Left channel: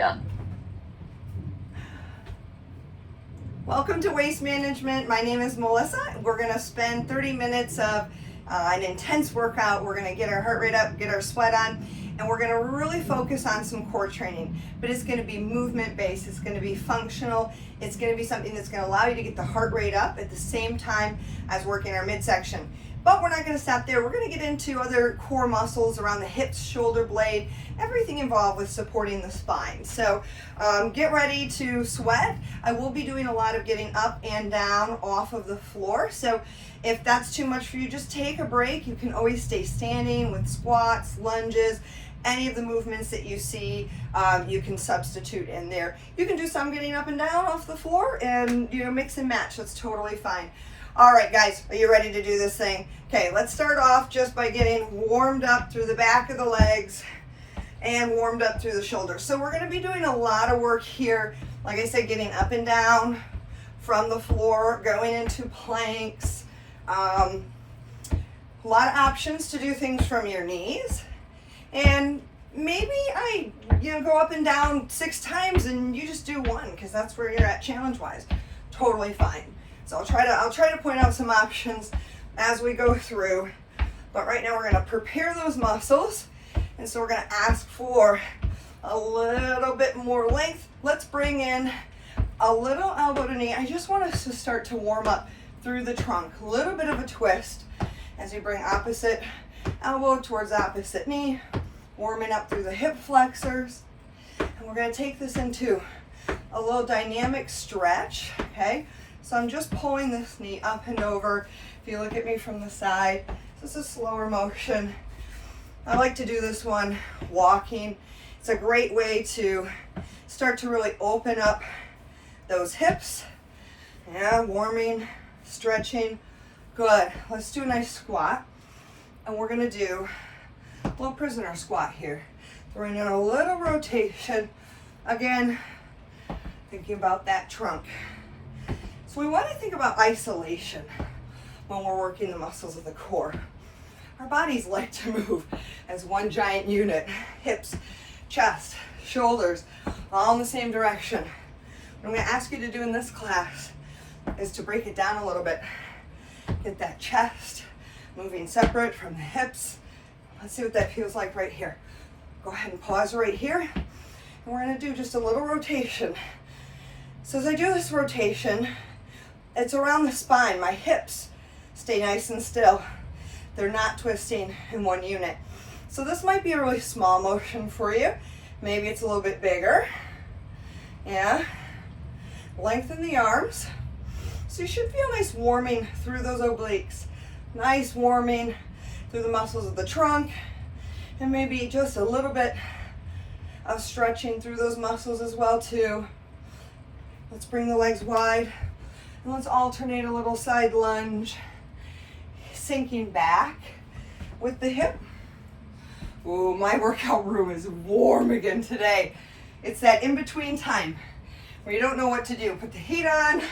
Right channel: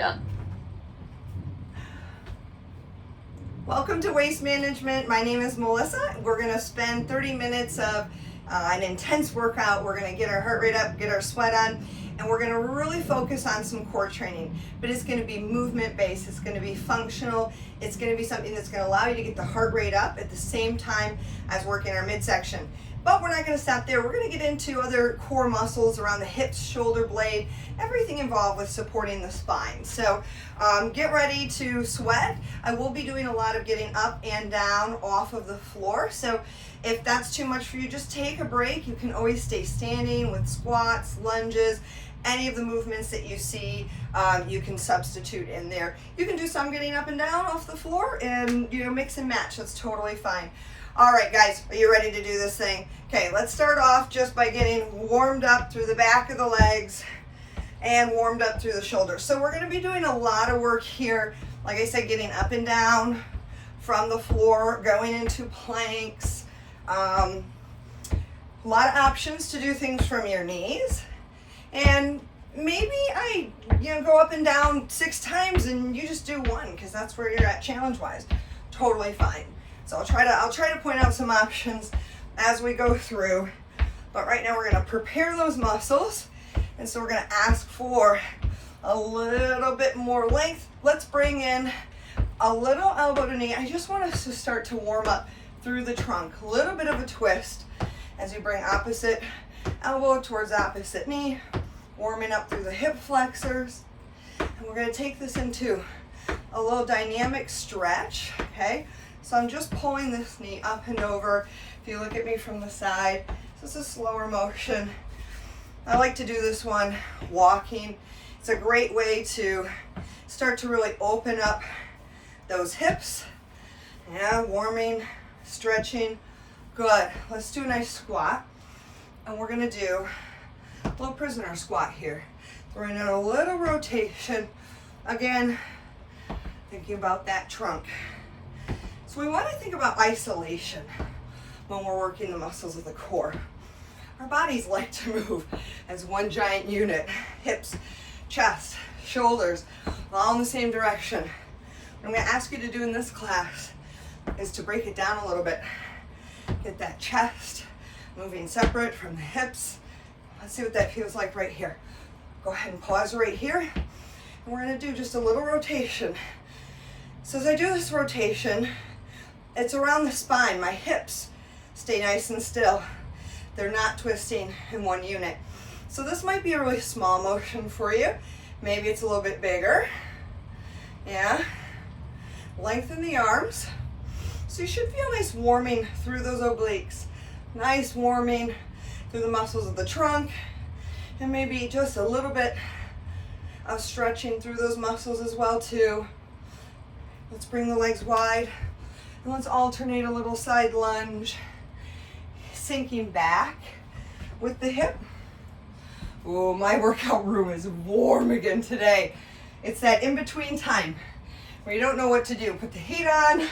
Yeah. Welcome to Waist Management. My name is Melissa. We're going to spend 30 minutes of an intense workout. We're going to get our heart rate up, get our sweat on, and we're going to really focus on some core training. But it's going to be movement based, it's going to be functional, it's going to be something that's going to allow you to get the heart rate up at the same time as working our midsection. But we're not going to stop there. We're going to get into other core muscles around the hips, shoulder blade, everything involved with supporting the spine. So get ready to sweat. I will be doing a lot of getting up and down off of the floor. So if that's too much for you, just take a break. You can always stay standing with squats, lunges, any of the movements that you see, you can substitute in there. You can do some getting up and down off the floor and, mix and match. That's totally fine. All right, guys, are you ready to do this thing? Okay, let's start off just by getting warmed up through the back of the legs and warmed up through the shoulders. So we're going to be doing a lot of work here. Like I said, getting up and down from the floor, going into planks. A lot of options to do things from your knees. And maybe I go up and down 6 times and you just do 1 because that's where you're at challenge-wise. Totally fine. So I'll try to point out some options as we go through. But right now we're going to prepare those muscles. And so we're going to ask for a little bit more length. Let's bring in a little elbow to knee. I just want us to start to warm up through the trunk. A little bit of a twist as you bring opposite elbow towards opposite knee. Warming up through the hip flexors. And we're going to take this into a little dynamic stretch, okay? So I'm just pulling this knee up and over. If you look at me from the side, this is a slower motion. I like to do this one walking. It's a great way to start to really open up those hips. Yeah, warming, stretching. Good. Let's do a nice squat. And we're going to do a little prisoner squat here. Throwing in a little rotation. Again, thinking about that trunk. So we want to think about isolation when we're working the muscles of the core. Our bodies like to move as one giant unit. Hips, chest, shoulders, all in the same direction. What I'm going to ask you to do in this class is to break it down a little bit. Get that chest moving separate from the hips. Let's see what that feels like right here. Go ahead and pause right here. And we're going to do just a little rotation. So as I do this rotation, it's around the spine. My hips stay nice and still. They're not twisting in one unit. So this might be a really small motion for you. Maybe it's a little bit bigger. Yeah. Lengthen the arms. So you should feel nice warming through those obliques. Nice warming through the muscles of the trunk. And maybe just a little bit of stretching through those muscles as well too. Let's bring the legs wide. And let's alternate a little side lunge. Sinking back with the hip. Oh, my workout room is warm again today. It's that in-between time where you don't know what to do. Put the heat on,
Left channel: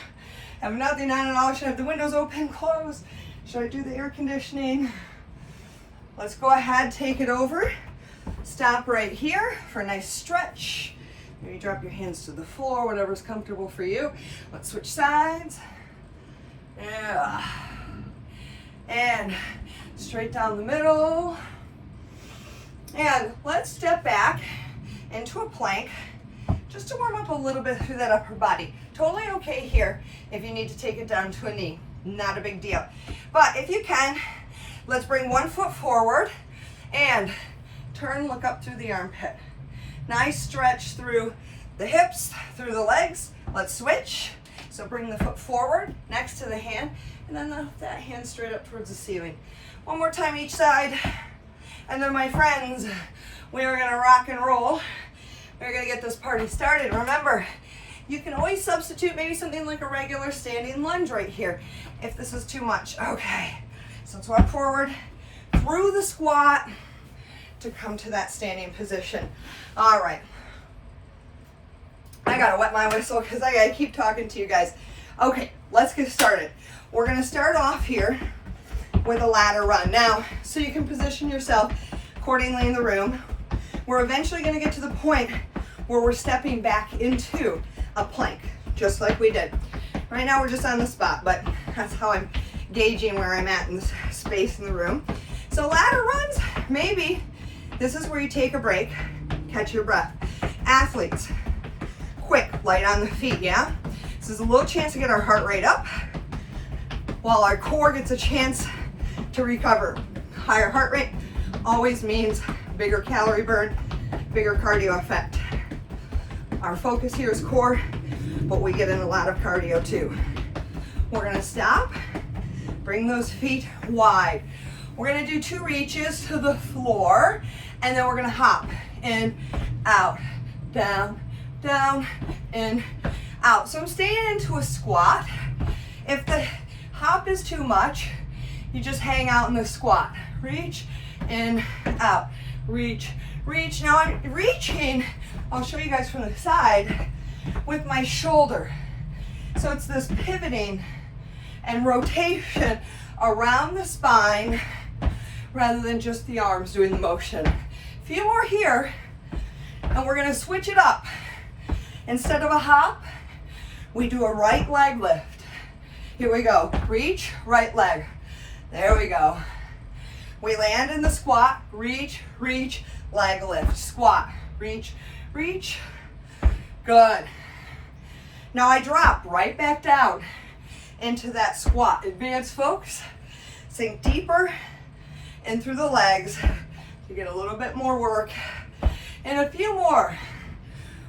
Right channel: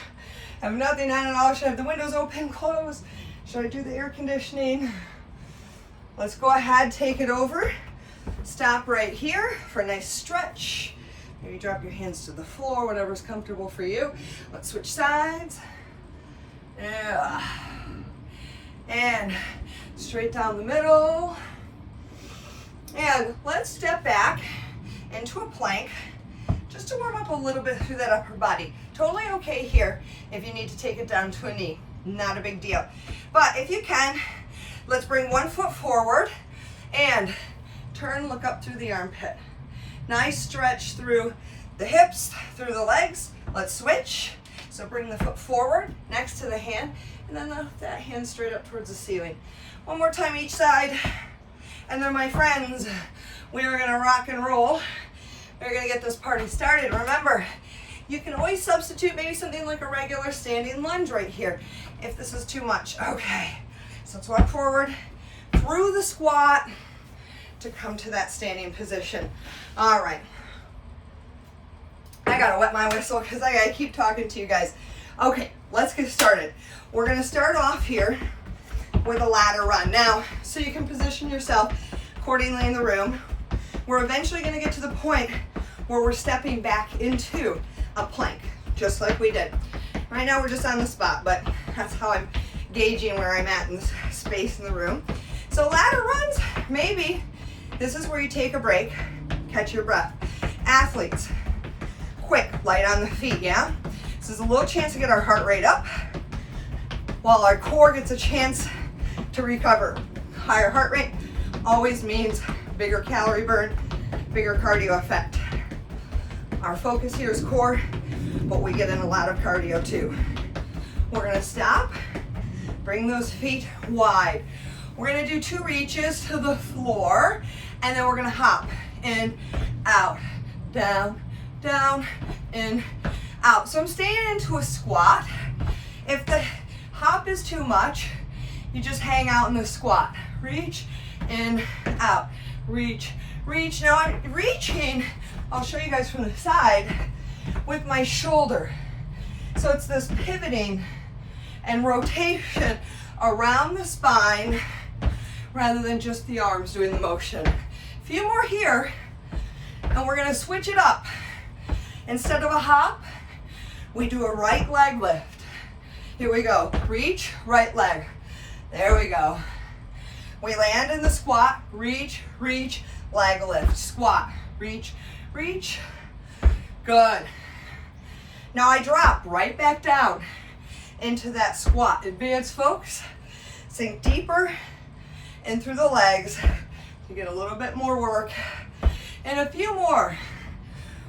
have nothing on at all. Should I have the windows open, closed? Should I do the air conditioning? Let's go ahead, take it over. Stop right here for a nice stretch. Maybe drop your hands to the floor, whatever's comfortable for you. Let's switch sides. Yeah. And straight down the middle. And let's step back into a plank just to warm up a little bit through that upper body. Totally okay here if you need to take it down to a knee. Not a big deal. But if you can, let's bring one foot forward and turn, look up through the armpit. Nice stretch through the hips, through the legs. Let's switch. So bring the foot forward next to the hand and then lift that hand straight up towards the ceiling. One more time each side. And then my friends, we are gonna rock and roll. We're gonna get this party started. Remember, you can always substitute maybe something like a regular standing lunge right here if this is too much. Okay, so let's walk forward through the squat to come to that standing position. All right. I gotta wet my whistle because I gotta keep talking to you guys. Okay, let's get started. We're gonna start off here with a ladder run. Now, so you can position yourself accordingly in the room, we're eventually gonna get to the point where we're stepping back into a plank, just like we did. Right now we're just on the spot, but that's how I'm gauging where I'm at in this space in the room. So ladder runs, maybe this is where you take a break, catch your breath. Athletes, quick, light on the feet, yeah? This is a little chance to get our heart rate up while our core gets a chance to recover. Higher heart rate always means bigger calorie burn, bigger cardio effect. Our focus here is core, but we get in a lot of cardio too. We're gonna stop, bring those feet wide. We're gonna do 2 reaches to the floor, and then we're gonna hop in, out, down, down, in, out. So I'm staying into a squat. If the hop is too much, you just hang out in the squat. Reach, in, out, reach, reach. Now I'm reaching, I'll show you guys from the side, with my shoulder. So it's this pivoting and rotation around the spine rather than just the arms doing the motion. A few more here, and we're gonna switch it up. Instead of a hop, we do a right leg lift. Here we go, reach, right leg. There we go. We land in the squat, reach, reach, leg lift, squat, reach, reach, good. Now I drop right back down into that squat. Advanced folks, sink deeper in through the legs to get a little bit more work. And a few more.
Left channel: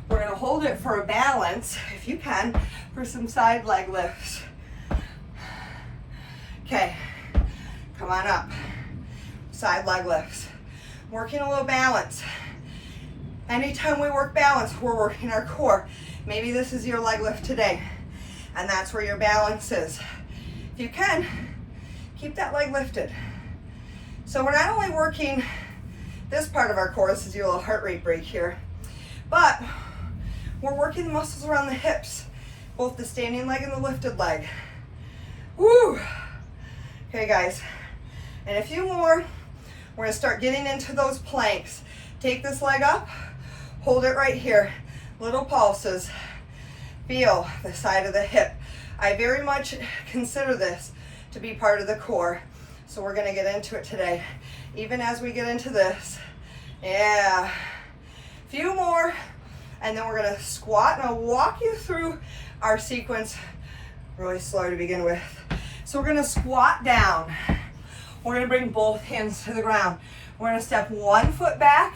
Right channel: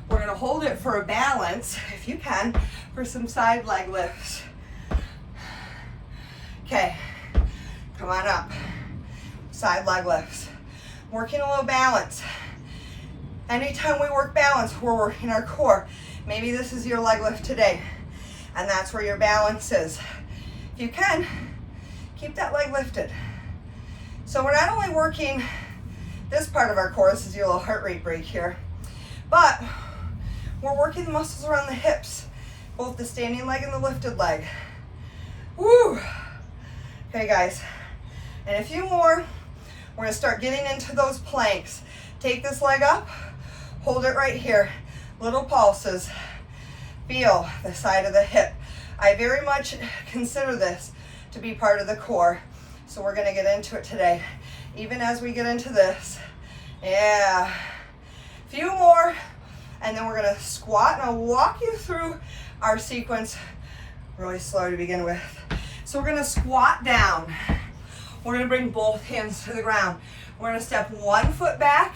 We're gonna hold it for a balance, if you can, for some side leg lifts. Okay, come on up. Side leg lifts. Working a little balance. Anytime we work balance, we're working our core. Maybe this is your leg lift today, and that's where your balance is. If you can, keep that leg lifted. So we're not only working this part of our core, this is your little heart rate break here, but we're working the muscles around the hips, both the standing leg and the lifted leg. Woo! Okay guys, and a few more. We're gonna start getting into those planks. Take this leg up, hold it right here. Little pulses. Feel the side of the hip. I very much consider this to be part of the core. So we're gonna get into it today. Even as we get into this. Yeah. Few more, and then we're gonna squat, and I'll walk you through our sequence really slow to begin with. So we're gonna squat down. We're gonna bring both hands to the ground. We're gonna step one foot back,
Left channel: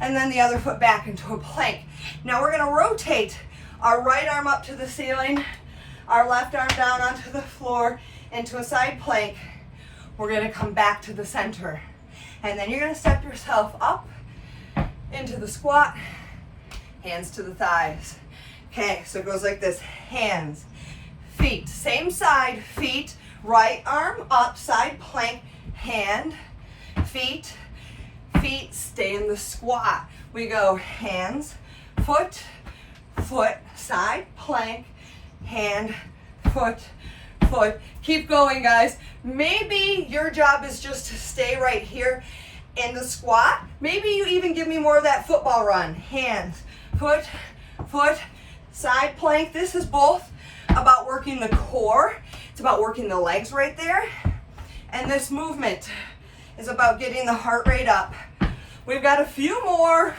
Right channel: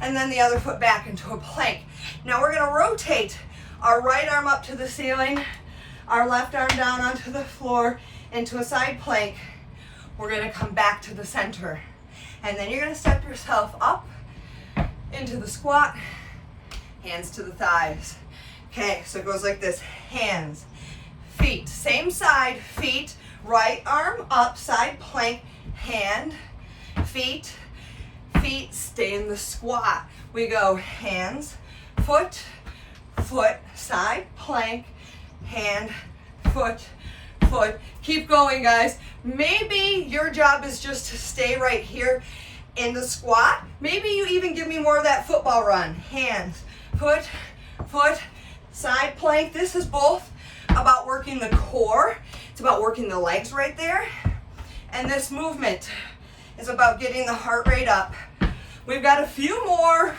and then the other foot back into a plank. Now we're gonna rotate our right arm up to the ceiling, our left arm down onto the floor into a side plank. We're gonna come back to the center. And then you're gonna step yourself up into the squat, hands to the thighs. Okay, so it goes like this, hands, feet, same side, feet, right arm up, side plank, hand, feet, feet, stay in the squat. We go hands, foot, foot, side plank, hand, foot, foot. Keep going, guys. Maybe your job is just to stay right here in the squat. Maybe you even give me more of that football run. Hands, foot, foot, side plank. This is both about working the core. It's about working the legs right there. And this movement is about getting the heart rate up. We've got a few more,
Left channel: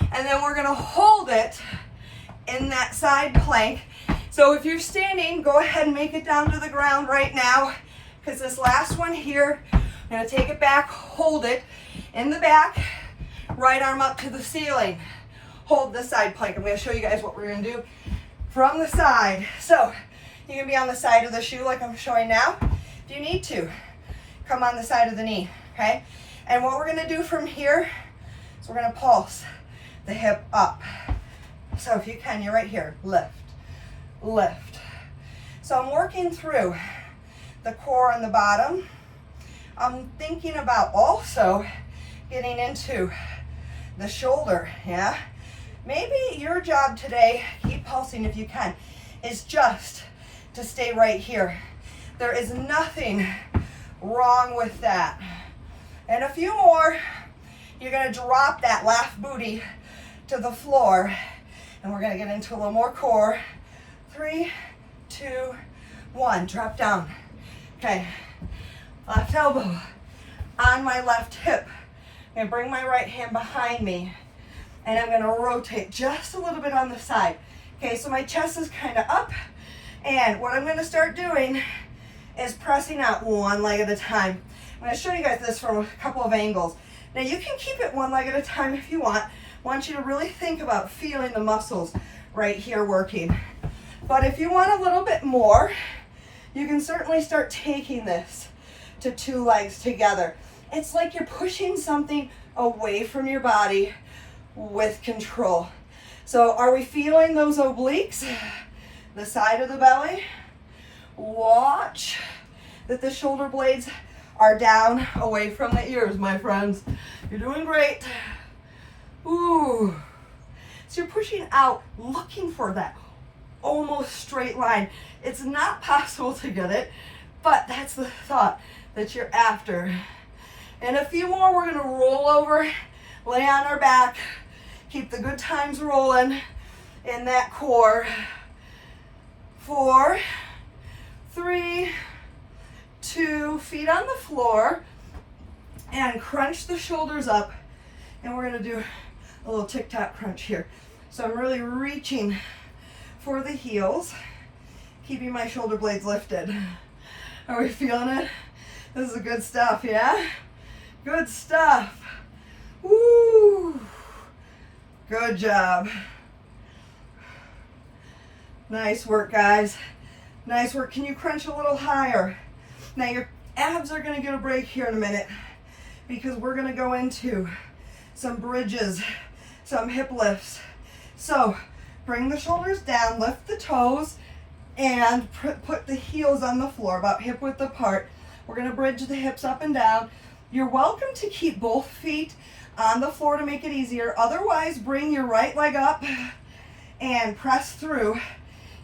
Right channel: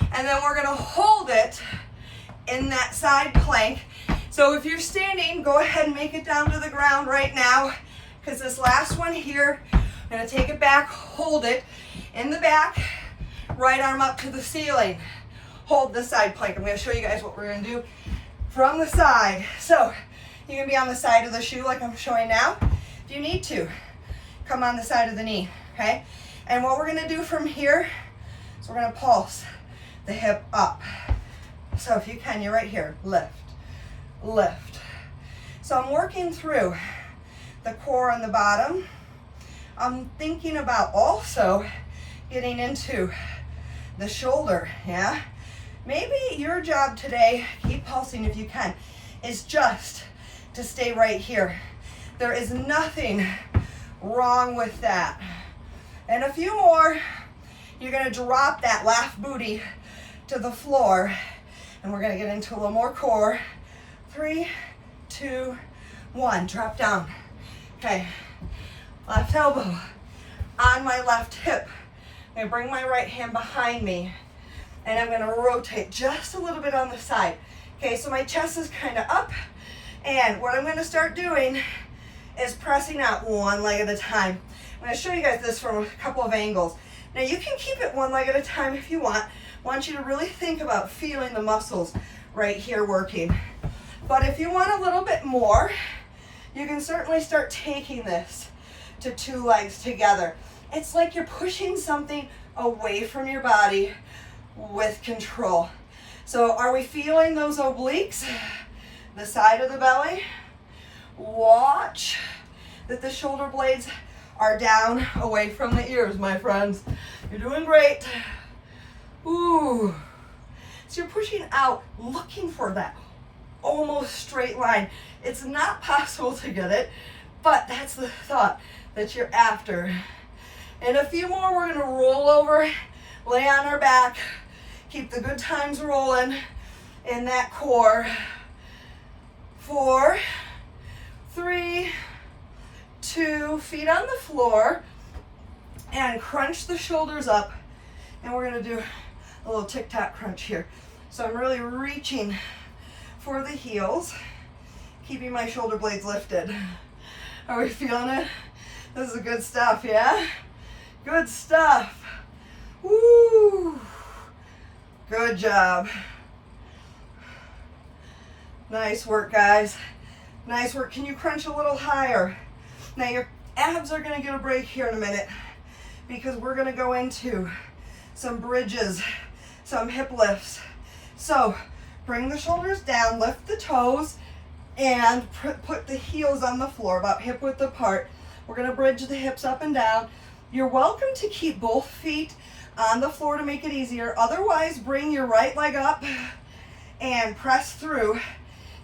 and then we're gonna hold it in that side plank. So if you're standing, go ahead and make it down to the ground right now, because this last one here, I'm gonna take it back, hold it in the back, right arm up to the ceiling. Hold the side plank. I'm gonna show you guys what we're gonna do from the side. So you can be on the side of the shoe like I'm showing now. If you need to, come on the side of the knee, okay? And what we're gonna do from here is we're gonna pulse the hip up. So if you can, you're right here, lift, lift. So I'm working through the core on the bottom. I'm thinking about also getting into the shoulder, yeah? Maybe your job today, keep pulsing if you can, is just to stay right here. There is nothing wrong with that. And a few more. You're gonna drop that left booty to the floor. And we're gonna get into a little more core. 3, 2, 1, drop down. Okay, left elbow on my left hip. I'm gonna bring my right hand behind me, and I'm gonna rotate just a little bit on the side. Okay, so my chest is kind of up, and what I'm gonna start doing is pressing out one leg at a time. I'm gonna show you guys this from a couple of angles. Now you can keep it one leg at a time if you want. I want you to really think about feeling the muscles right here working. But if you want a little bit more, you can certainly start taking this to 2 legs together. It's like you're pushing something away from your body with control. So are we feeling those obliques? The side of the belly? Watch that the shoulder blades are down away from the ears, my friends. You're doing great. Ooh. So you're pushing out, looking for that almost straight line. It's not possible to get it, but that's the thought that you're after. And a few more, we're gonna roll over, lay on our back, keep the good times rolling in that core. 4, 3, 2, feet on the floor, and crunch the shoulders up. And we're gonna do a little tic-tac crunch here. So I'm really reaching for the heels, keeping my shoulder blades lifted. Are we feeling it? This is the good stuff, yeah? Good stuff. Woo! Good job. Nice work, guys. Nice work. Can you crunch a little higher? Now your abs are gonna get a break here in a minute because we're gonna go into some bridges, some hip lifts. So bring the shoulders down, lift the toes, and put the heels on the floor, about hip width apart. We're gonna bridge the hips up and down. You're welcome to keep both feet on the floor to make it easier. Otherwise, bring your right leg up and press through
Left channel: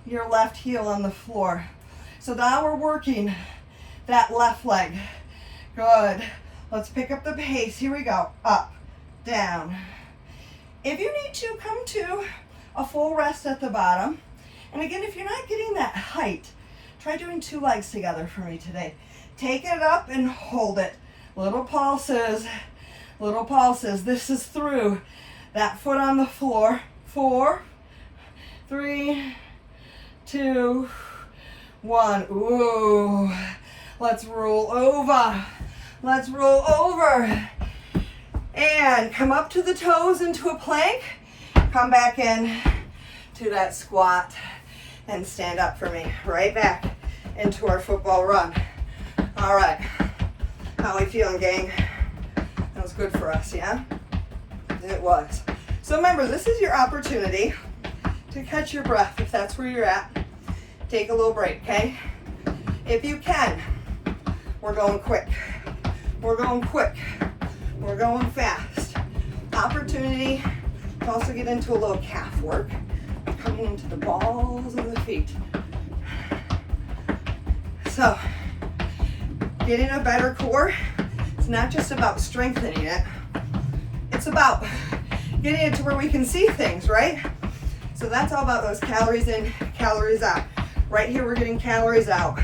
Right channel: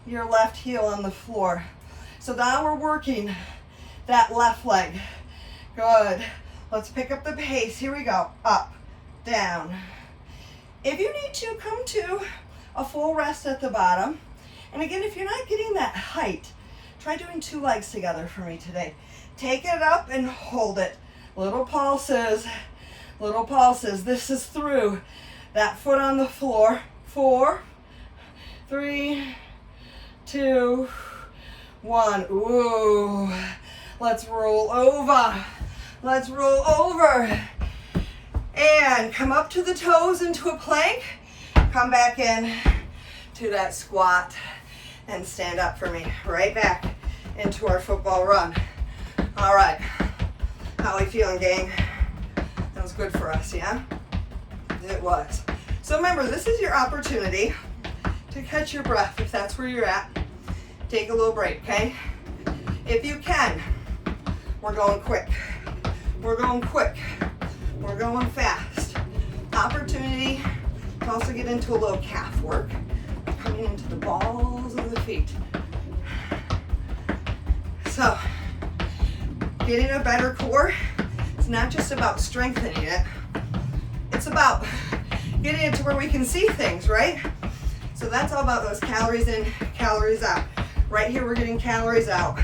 your left heel on the floor. So now we're working that left leg. Good. Let's pick up the pace. Here we go. Up, down. If you need to, come to a full rest at the bottom. And again, if you're not getting that height, try doing 2 legs together for me today. Take it up and hold it. Little pulses, little pulses. This is through that foot on the floor. 4, 3, 2, 1. Ooh. Let's roll over. Let's roll over. And come up to the toes into a plank. Come back in to that squat and stand up for me. Right back into our football run. All right. How are we feeling, gang? That was good for us, yeah? It was. So remember, this is your opportunity to catch your breath if that's where you're at. Take a little break, okay? If you can, we're going quick. We're going quick. We're going fast. Opportunity to also get into a little calf work. Coming into the balls of the feet. So, getting a better core, it's not just about strengthening it. It's about getting it to where we can see things, right? So that's all about those calories in, calories out. Right here, we're getting calories out.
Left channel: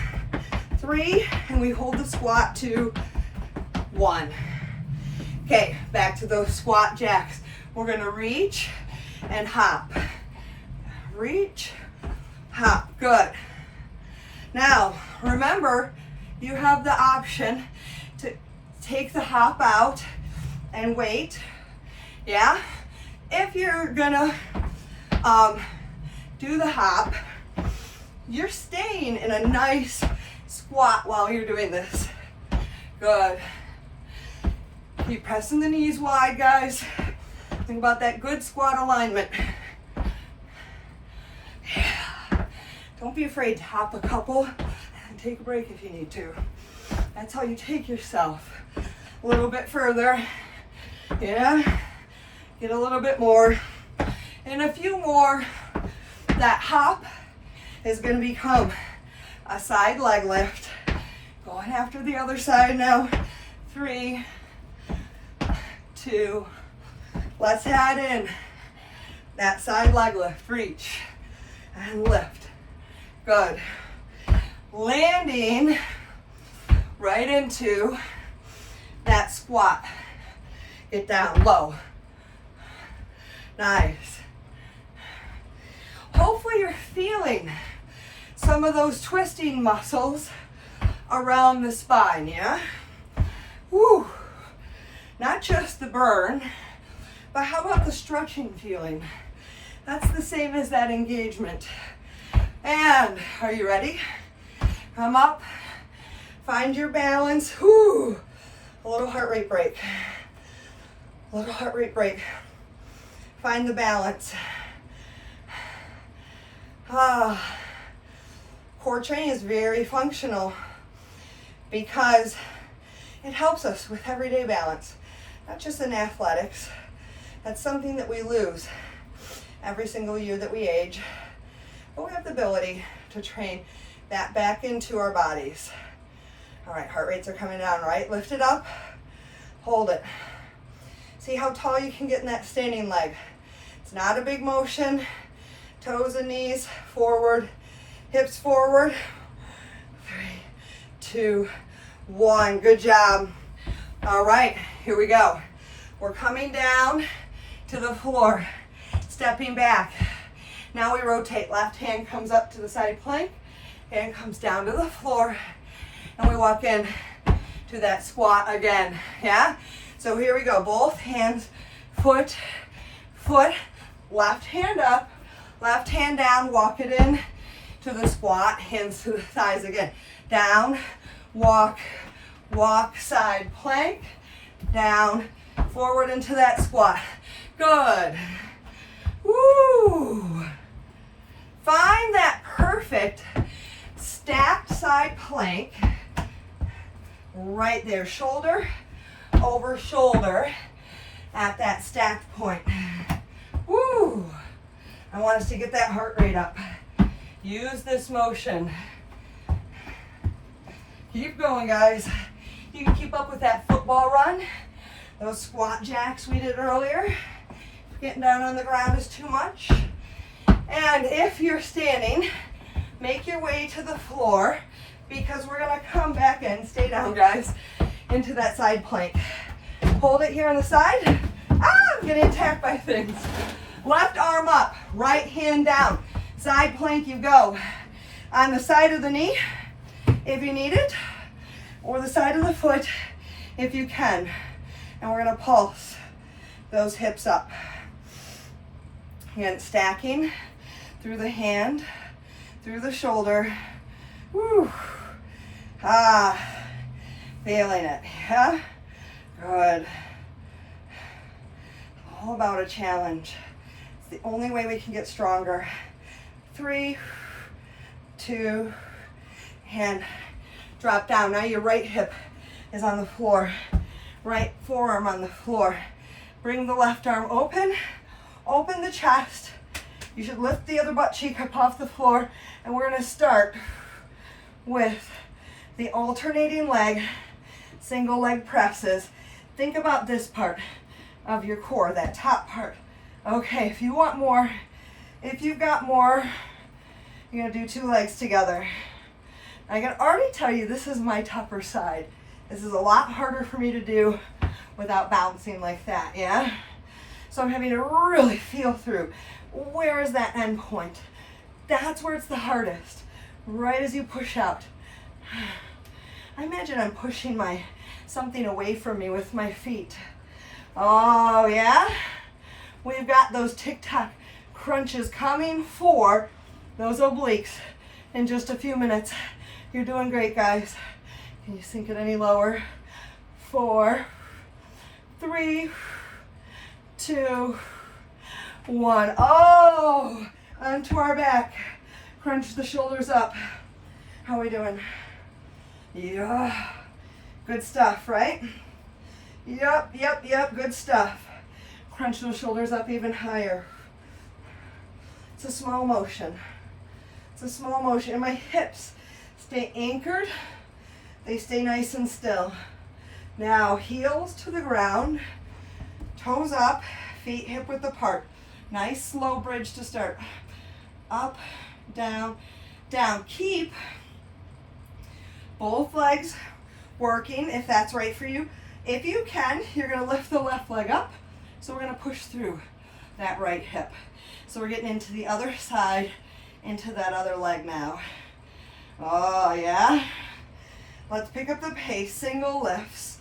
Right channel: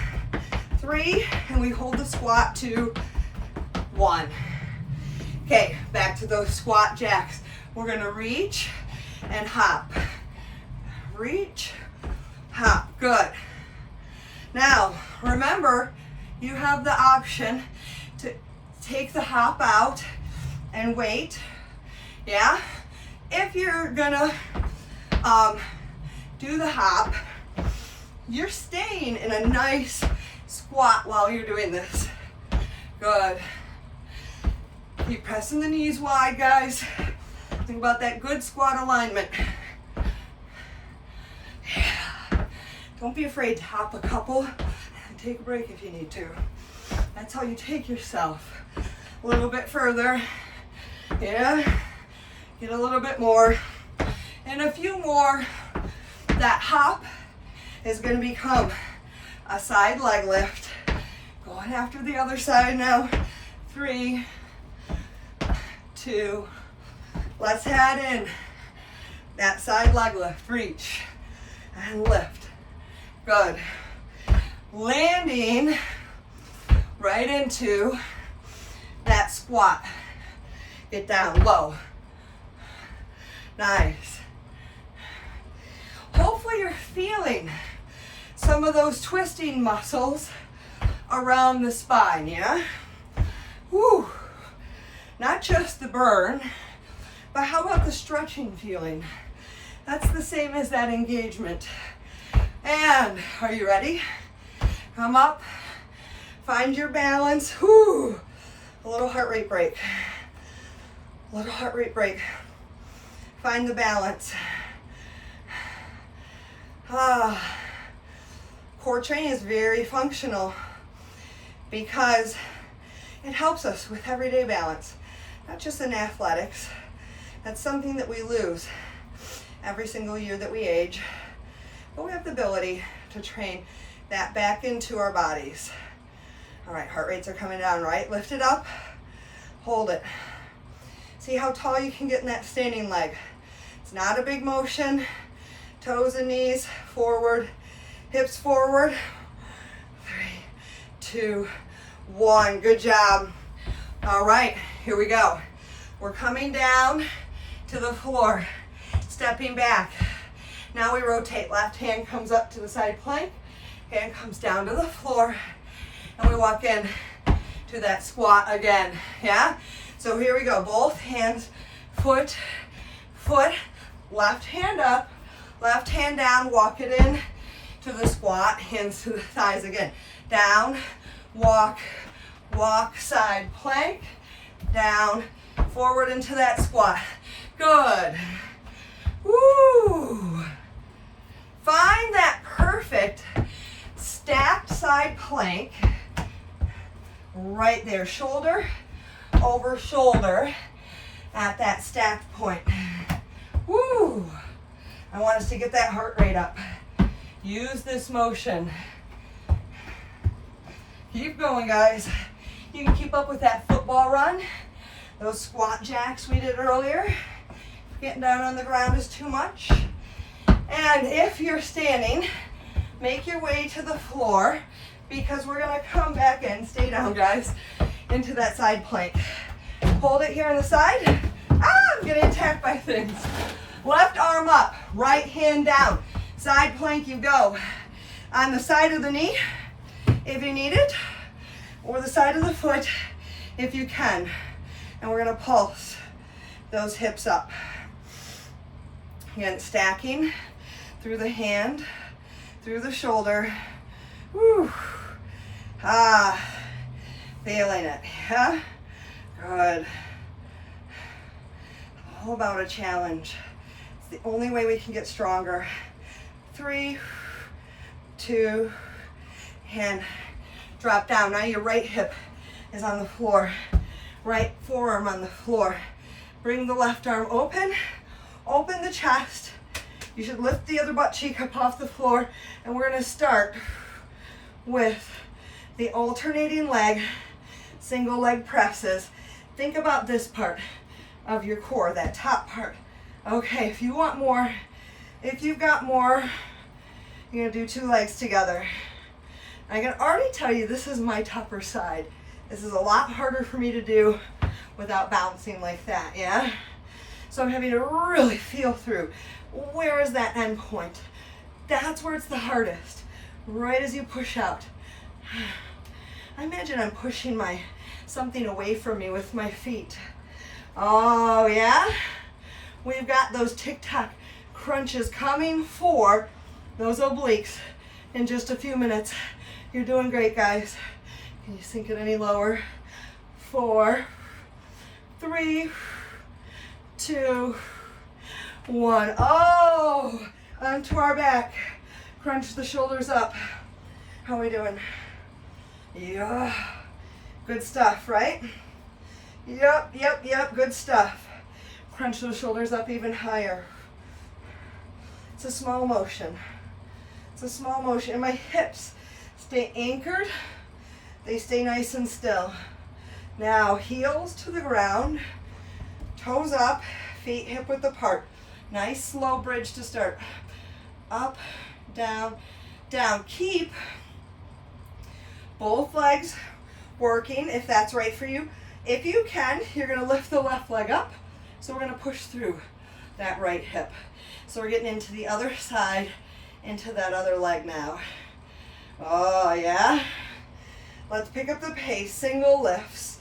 3, and we hold the squat to 1. Okay, back to those squat jacks. We're gonna reach and hop. Reach, hop, good. Now, remember, you have the option to take the hop out and wait, yeah? If you're gonna do the hop, you're staying in a nice squat while you're doing this. Good. Keep pressing the knees wide, guys. Think about that good squat alignment. Yeah. Don't be afraid to hop a couple and take a break if you need to. That's how you take yourself a little bit further. Yeah. Get a little bit more. And a few more. That hop is going to become a side leg lift. Going after the other side now. 3, 2, let's add in That side leg lift, reach and lift. Good. Landing right into that squat. Get down low. Nice. Hopefully you're feeling some of those twisting muscles around the spine, yeah? Woo. Not just the burn, but how about the stretching feeling? That's the same as that engagement. And are you ready? Come up, find your balance. Woo. A little heart rate break. A little heart rate break. Find the balance. Core training is very functional because it helps us with everyday balance, not just in athletics. That's something that we lose every single year that we age, but we have the ability to train that back into our bodies. All right, heart rates are coming down, right? Lift it up, hold it. See how tall you can get in that standing leg. It's not a big motion. Toes and knees forward, hips forward. 3, 2, 1. Good job. All right, here we go. We're coming down to the floor, stepping back. Now we rotate. Left hand comes up to the side plank, hand comes down to the floor, and we walk in to that squat again, yeah? So here we go, both hands, foot, left hand up, left hand down, walk it in to the squat, hands to the thighs again. Down, walk, side plank, down, forward into that squat. Good. Woo. Find that perfect stacked side plank right there, shoulder over shoulder at that stacked point. Woo. I want us to get that heart rate up. Use this motion. Keep going, guys. You can keep up with that football run, those squat jacks we did earlier. If getting down on the ground is too much. And if you're standing, make your way to the floor because we're gonna come back in, stay down, guys, into that side plank. Hold it here on the side. I'm getting attacked by things. Left arm up, right hand down. Side plank you go. On the side of the knee, if you need it, or the side of the foot, if you can. And we're gonna pulse those hips up. Again, stacking through the hand, through the shoulder. Woo. Feeling it, yeah? Good. All about a challenge. It's the only way we can get stronger. 3, 2, and drop down. Now your right hip is on the floor. Right forearm on the floor. Bring the left arm open. Open the chest. You should lift the other butt cheek up off the floor. And we're going to start with the alternating leg, single leg presses. Think about this part of your core, that top part. Okay, if you want more, if you've got more, you're gonna do 2 legs together. I can already tell you this is my tougher side. This is a lot harder for me to do without bouncing like that, yeah? So I'm having to really feel through, where is that end point? That's where it's the hardest, right as you push out. I imagine I'm pushing something away from me with my feet. Oh yeah? We've got those TikTok crunches coming for those obliques in just a few minutes. You're doing great, guys. Can you sink it any lower? 4, 3, 2, 1. Oh, onto our back. Crunch the shoulders up. How are we doing? Yeah. Good stuff, right? Yep, good stuff. Crunch those shoulders up even higher. It's a small motion. It's a small motion. And my hips stay anchored. They stay nice and still. Now, heels to the ground, toes up, feet hip width apart. Nice slow bridge to start. Up, down, down. Keep both legs working if that's right for you. If you can, you're gonna lift the left leg up. So we're gonna push through that right hip. So we're getting into the other side, into that other leg now. Oh yeah. Let's pick up the pace, single lifts.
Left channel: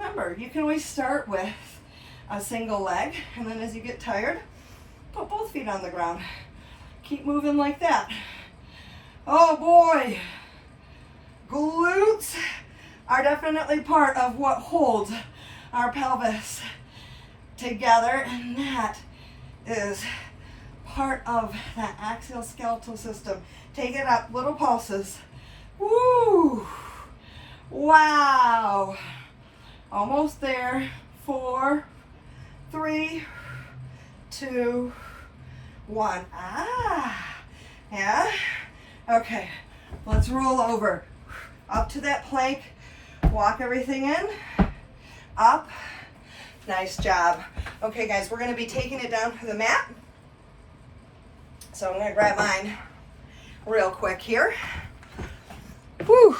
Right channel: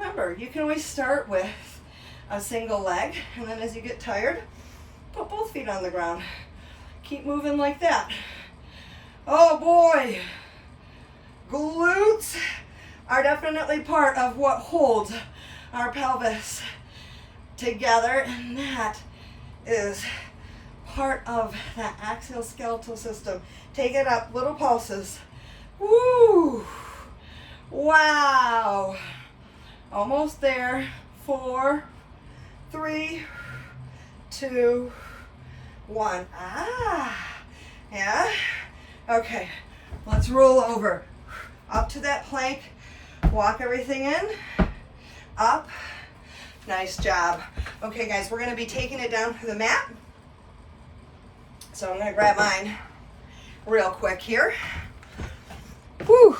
Remember, you can always start with a single leg, and then as you get tired, put both feet on the ground. Keep moving like that. Oh boy, glutes are definitely part of what holds our pelvis together, and that is part of that axial skeletal system. Take it up, little pulses. Woo! Wow! Almost there. 4, 3, 2, 1. Ah! Yeah? Okay. Let's roll over. Up to that plank. Walk everything in. Up. Nice job. Okay, guys, we're going to be taking it down to the mat. So I'm going to grab mine real quick here. Whew.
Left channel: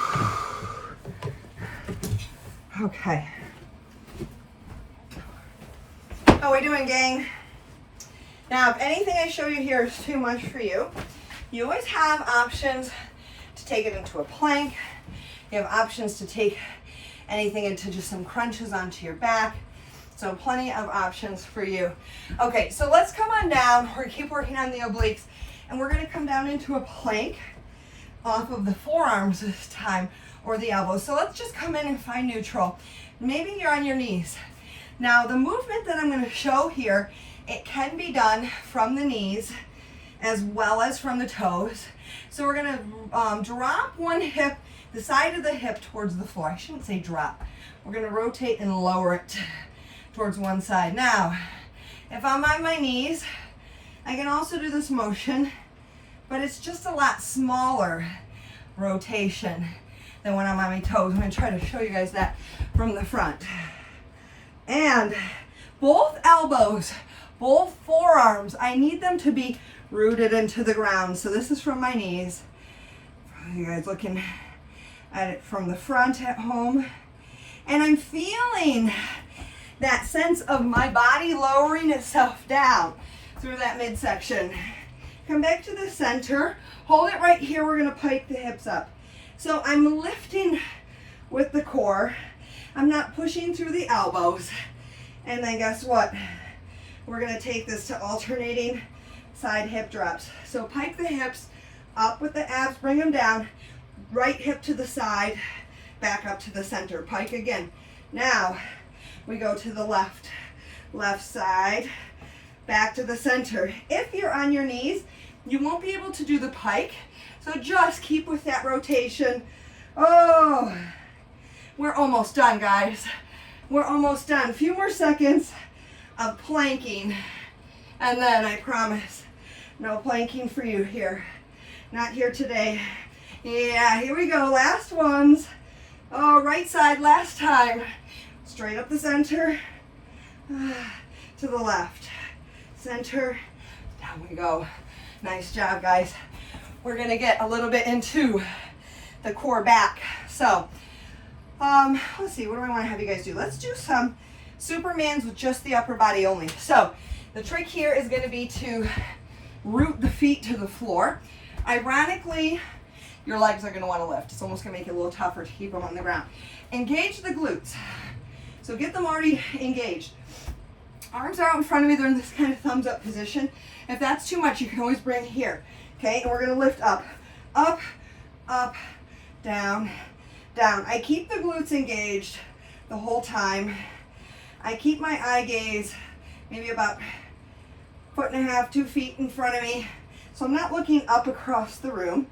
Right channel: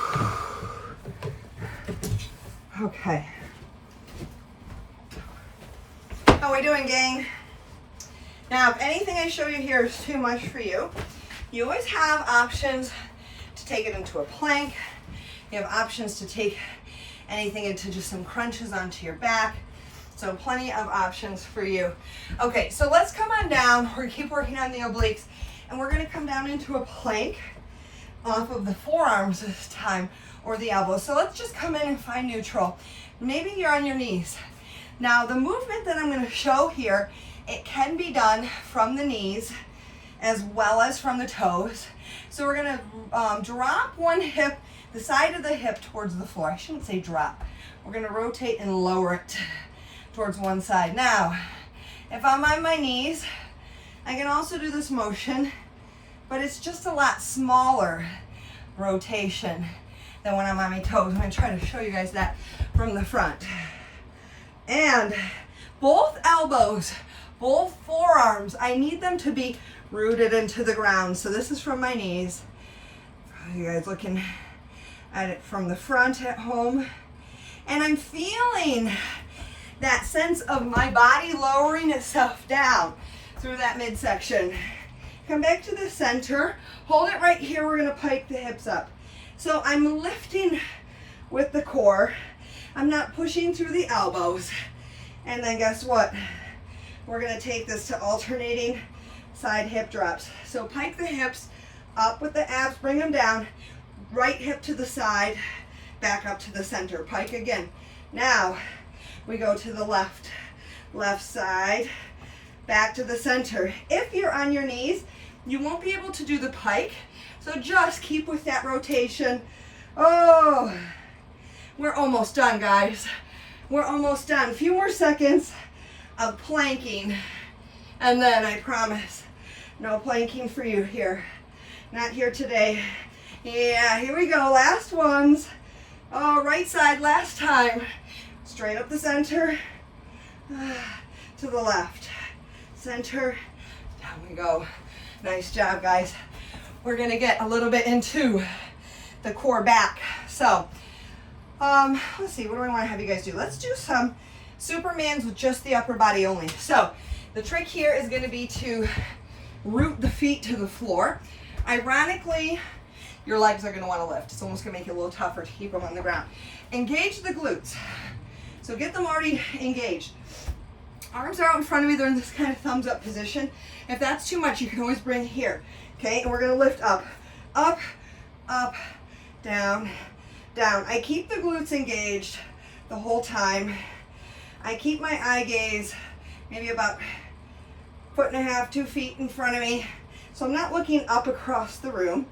Okay. How we doing, gang? Now, if anything I show you here is too much for you, you always have options to take it into a plank. You have options to take anything into just some crunches onto your back. So plenty of options for you. Okay, so let's come on down. We're gonna keep working on the obliques, and we're gonna come down into a plank off of the forearms this time, or the elbows. So let's just come in and find neutral. Maybe you're on your knees. Now the movement that I'm gonna show here, it can be done from the knees as well as from the toes. So we're gonna drop one hip, the side of the hip towards the floor. I shouldn't say drop. We're gonna rotate and lower it towards one side. Now, if I'm on my knees, I can also do this motion, but it's just a lot smaller rotation than when I'm on my toes. I'm gonna try to show you guys that from the front. And both elbows, both forearms, I need them to be rooted into the ground. So this is from my knees. You guys looking at it from the front at home. And I'm feeling that sense of my body lowering itself down through that midsection. Come back to the center. Hold it right here. We're gonna pike the hips up. So I'm lifting with the core. I'm not pushing through the elbows. And then guess what? We're gonna take this to alternating side hip drops. So pike the hips up with the abs, bring them down. Right hip to the side, back up to the center. Pike again. Now we go to the left side, back to the center. If you're on your knees, you won't be able to do the pike. So just keep with that rotation. Oh, we're almost done, guys. We're almost done. A few more seconds of planking, and then I promise, no planking for you here. Not here today. Yeah, here we go. Last ones. Oh, right side, last time. Straight up the center, to the left. Center, down we go. Nice job, guys. We're gonna get a little bit into the core back. So, let's see, what do I wanna have you guys do? Let's do some Supermans with just the upper body only. So, the trick here is gonna be to root the feet to the floor. Ironically, your legs are gonna wanna lift. It's almost gonna make it a little tougher to keep them on the ground. Engage the glutes. So get them already engaged. Arms are out in front of me. They're in this kind of thumbs up position. If that's too much, you can always bring it here. Okay, and we're gonna lift up, up, up, down, down. I keep the glutes engaged the whole time. I keep my eye gaze maybe about 1.5 to 2 feet in front of me. So I'm not looking up across the room.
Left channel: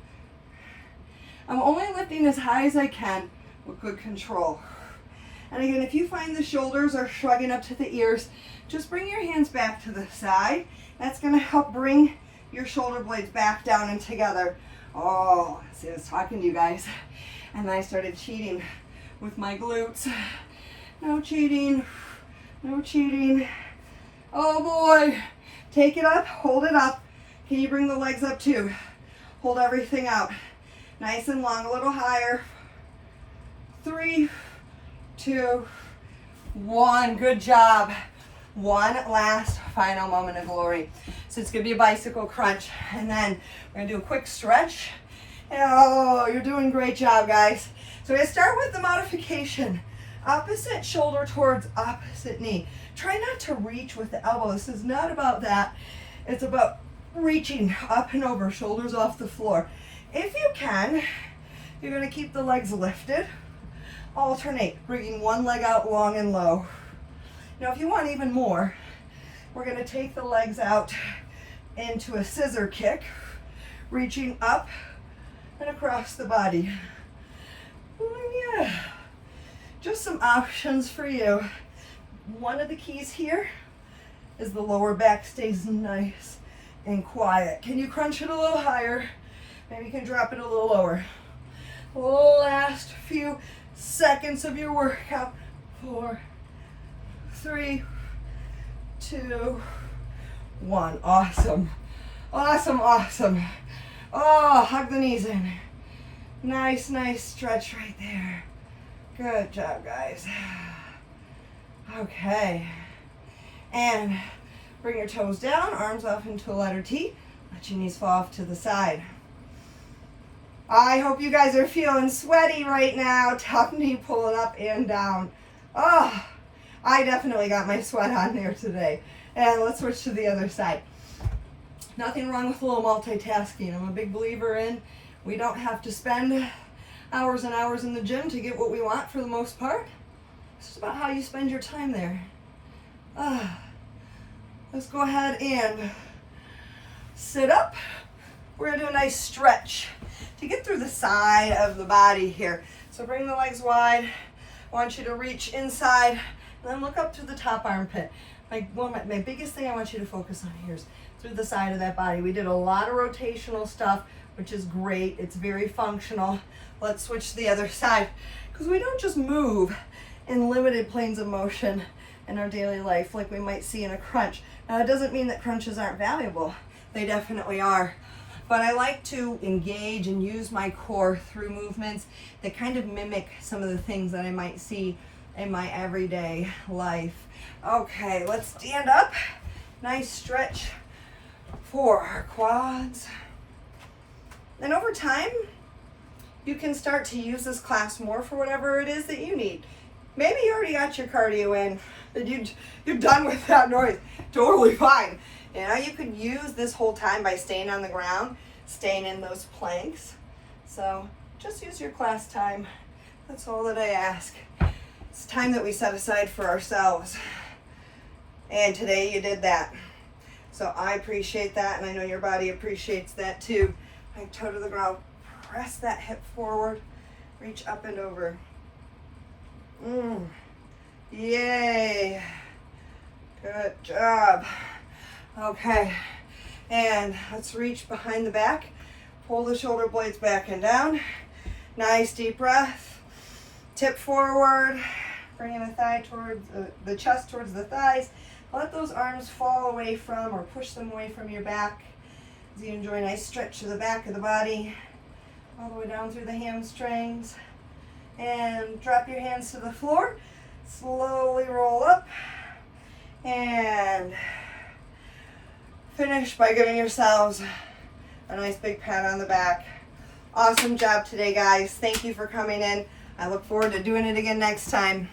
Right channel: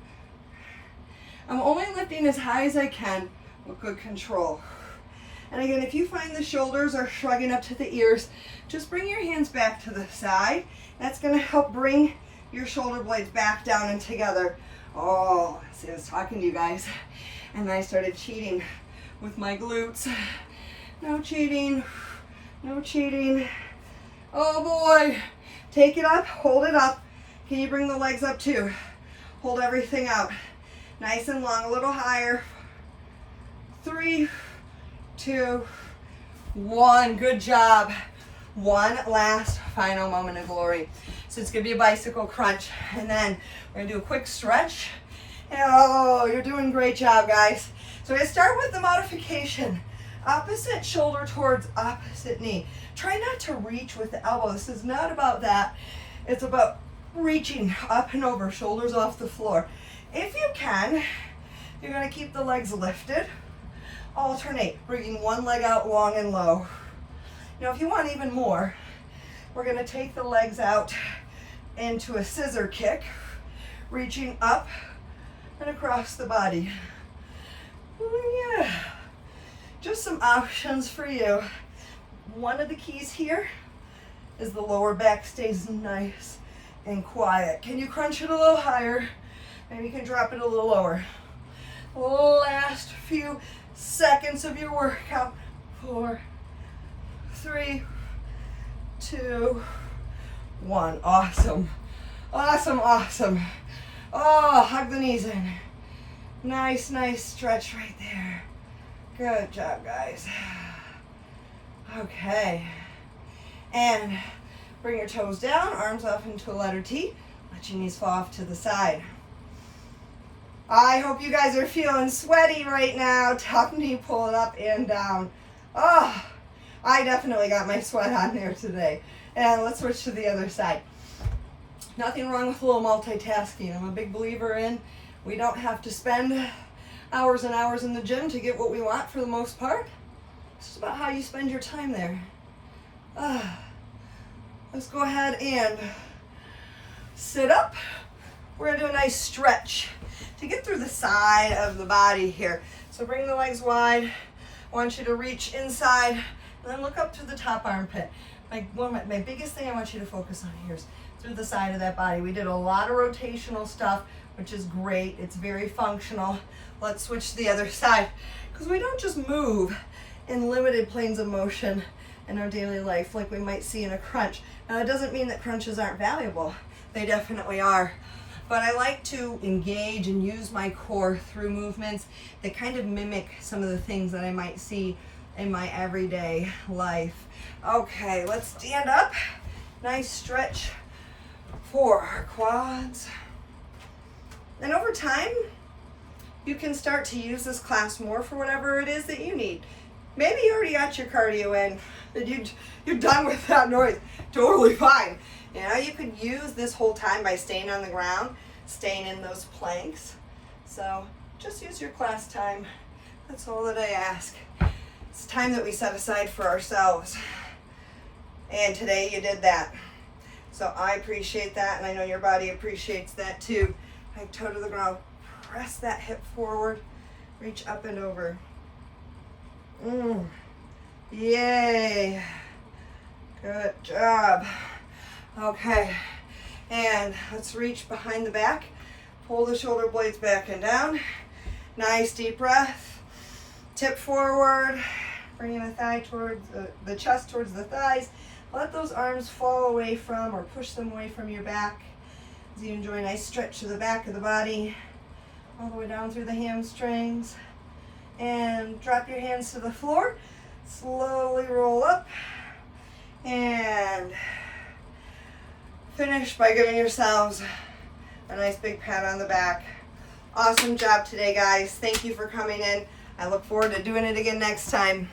I'm only lifting as high as I can with good control. And again, if you find the shoulders are shrugging up to the ears, just bring your hands back to the side. That's gonna help bring your shoulder blades back down and together. Oh, see, I was talking to you guys, and I started cheating with my glutes. No cheating, no cheating. Oh boy, Take it up, hold it up. Can you bring the legs up too? Hold everything out. Nice and long, a little higher. 3, 2, 1. Good job. One last final moment of glory. So it's gonna be a bicycle crunch, and then we're gonna do a quick stretch. Oh, you're doing a great job, guys. So we're gonna start with the modification. Opposite shoulder towards opposite knee. Try not to reach with the elbow. This is not about that. It's about reaching up and over, shoulders off the floor. If you can, you're gonna keep the legs lifted. Alternate, bringing one leg out long and low. Now, if you want even more, we're gonna take the legs out into a scissor kick, reaching up and across the body. Oh, yeah. Just some options for you. One of the keys here is the lower back stays nice and quiet. Can you crunch it a little higher? Maybe you can drop it a little lower. Last few seconds of your workout. 4, 3, 2, 1. Awesome. Awesome, awesome. Oh, hug the knees in. Nice, nice stretch right there. Good job, guys. Okay. And bring your toes down, arms off into a letter T. Let your knees fall off to the side. I hope you guys are feeling sweaty right now. Tuck knee pulling up and down. Oh, I definitely got my sweat on there today. And let's switch to the other side. Nothing wrong with a little multitasking. I'm a big believer in we don't have to spend hours and hours in the gym to get what we want for the most part. It's just about how you spend your time there. Let's go ahead and sit up. We're gonna do a nice stretch to get through the side of the body here. So bring the legs wide. I want you to reach inside and then look up to the top armpit. My biggest thing I want you to focus on here is through the side of that body. We did a lot of rotational stuff, which is great. It's very functional. Let's switch to the other side, because we don't just move in limited planes of motion in our daily life like we might see in a crunch. Now, it doesn't mean that crunches aren't valuable. They definitely are. But I like to engage and use my core through movements that kind of mimic some of the things that I might see in my everyday life. Okay, let's stand up. Nice stretch for our quads. And over time, you can start to use this class more for whatever it is that you need. Maybe you already got your cardio in and you're done with that noise. Totally fine. You know, you could use this whole time by staying on the ground, staying in those planks. So just use your class time. That's all that I ask. It's time that we set aside for ourselves. And today you did that. So I appreciate that, and I know your body appreciates that too. Like toe to the ground, press that hip forward, reach up and over. Yay. Good job. Okay, and let's reach behind the back. Pull the shoulder blades back and down. Nice deep breath. Tip forward, bringing the thigh towards the chest towards the thighs. Let those arms fall away from or push them away from your back as you enjoy a nice stretch to the back of the body, all the way down through the hamstrings. And drop your hands to the floor. Slowly roll up and finish by giving yourselves a nice big pat on the back. Awesome job today, guys. Thank you for coming in. I look forward to doing it again next time.